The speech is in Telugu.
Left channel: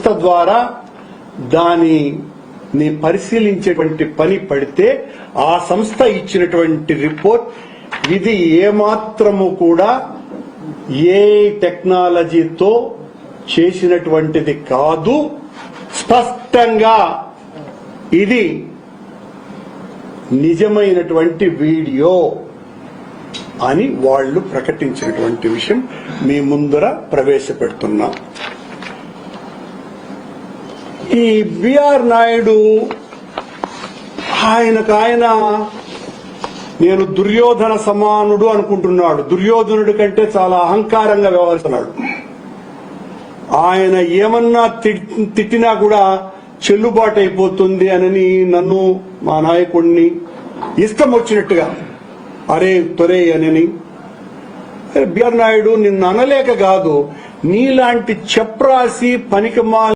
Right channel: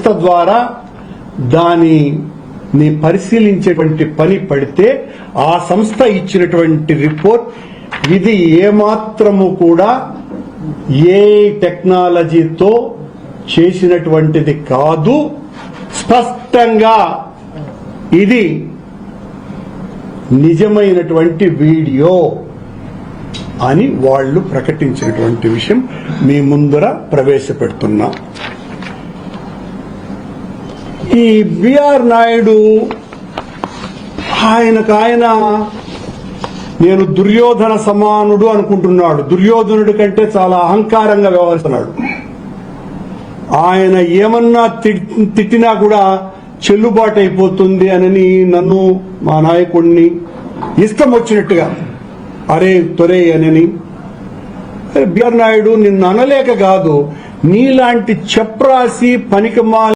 సంస్థ ద్వారా దానిని పరిశీలించేటువంటి పని పడితే ఆ సంస్థ ఇచ్చినటువంటి రిపోర్ట్ ఇది ఏమాత్రము కూడా ఏ టెక్నాలజీతో చేసినటువంటిది కాదు, స్పష్టంగా ఇది నిజమైనటువంటి వీడియో అని వాళ్ళు ప్రకటించినటువంటి విషయం మీ ముందర ప్రవేశపెడుతున్నా. ఈ బిఆర్ నాయుడు ఆయన నేను దుర్యోధన సమానుడు అనుకుంటున్నాడు. దుర్యోధనుడి కంటే చాలా అహంకారంగా వ్యవహరిస్తున్నాడు. ఆయన ఏమన్నా తిట్టినా కూడా చెల్లుబాటు అయిపోతుంది అని నన్ను, మా నాయకుడిని ఇష్టం వచ్చినట్టుగా అరే తొరే అని. బిఆర్ నాయుడు నిన్ను అనలేక కాదు, నీలాంటి చెప్రాసి పనికిమాల